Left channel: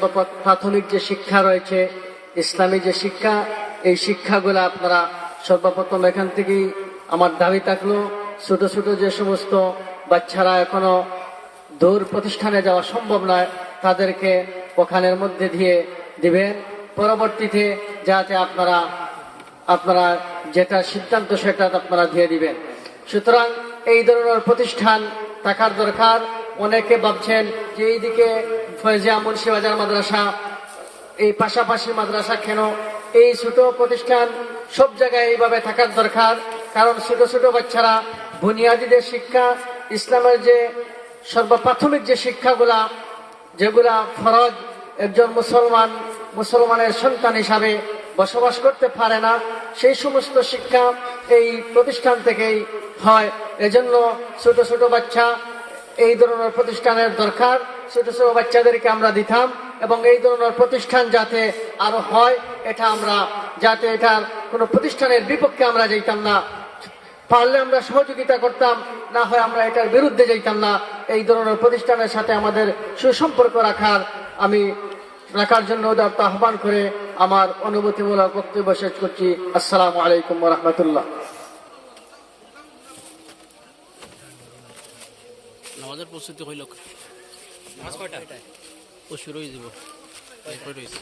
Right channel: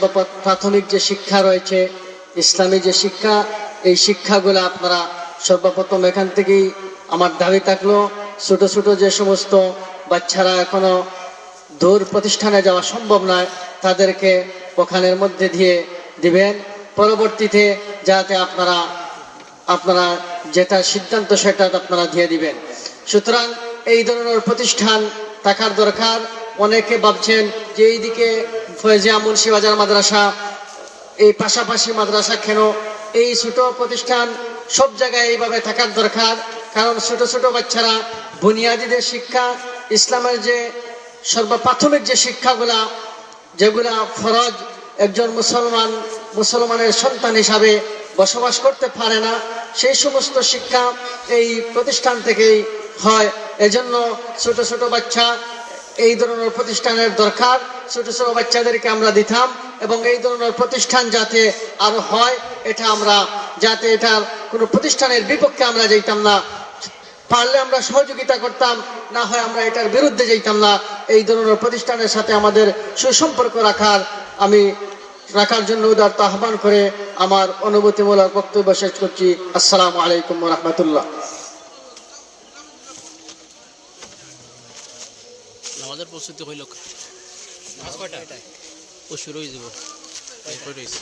প্র- প্রাথমিক যে শিক্ষা রয়েছে, ইসলামী যে শিক্ষা, এই শিক্ষাগুলো আপনারা সর্বপ্রথম এখান থেকেই আমার দাবি থাকল। ছোট ছোট যে সমস্ত বাচ্চারা এখনও দূর প্রতিষ্ঠানে যাওয়া সম্ভব নয়, তাদেরকে ওখানের মধ্যে দিয়ে দিবেন। পরবর্তীতে যাতে আপনারা আপনারা যেটা সিদ্ধান্ত সেটা আপনারা দিয়ে দিবেন। সুতরাং এই ধরনের প্রতিষ্ঠান থাকার দরকার। অনেকে ভাবছেন যে এইদিকে ফয়েজিয়া মুন্সিবাজার মাদ্রাসা, এই পাশাপাশি মাদ্রাসা কেন? এই ছোট প্রতিষ্ঠান সব জায়গায় এইভাবে থাকার দরকার। কারণ ছোট ছোট বাচ্চারা বুনিয়াদীদের শিক্ষা, ইসলামের যে সর্বপ্রাথমিক যে শিক্ষাগুলা, যেগুলা ফরজ একজন মুসলমান, মুসলমানের সন্তান হিসাবে বসবাস করতে পারে না, সেই সমস্ত শিক্ষা এই প্রতিষ্ঠান থেকেই হয়। এজন্য ছোট ছোট বাচ্চা এই ধরনের প্রতিষ্ঠানের দরকার। ছোট ছোট বাচ্চাদেরকে আমরা দিতাম এবং এই ধরনের প্রতিষ্ঠান যাতে আরও হয়, এটা আমরা, যাতে এটার কোনো প্রতিষ্ঠানের বিপক্ষে আমরা যেতাম না। পারলে আমরা সহযোগিতা করতাম, না হয় আমরা এটার বিরুদ্ধে যেতাম না। এই ধরনের প্রতিষ্ঠানের সাথে আমাদের সুসম্পর্ক রাখার, আমি রাখার জন্য উদারত আহ্বান করে আমার অনুভূতিমূলক বক্তব্য শেষ করছি। আসসালামু আলাইকুম রহমতুল্লাহ। নামাজের প্রস্তুতি হইল ও শুরু হয়ে যাব রয়েছে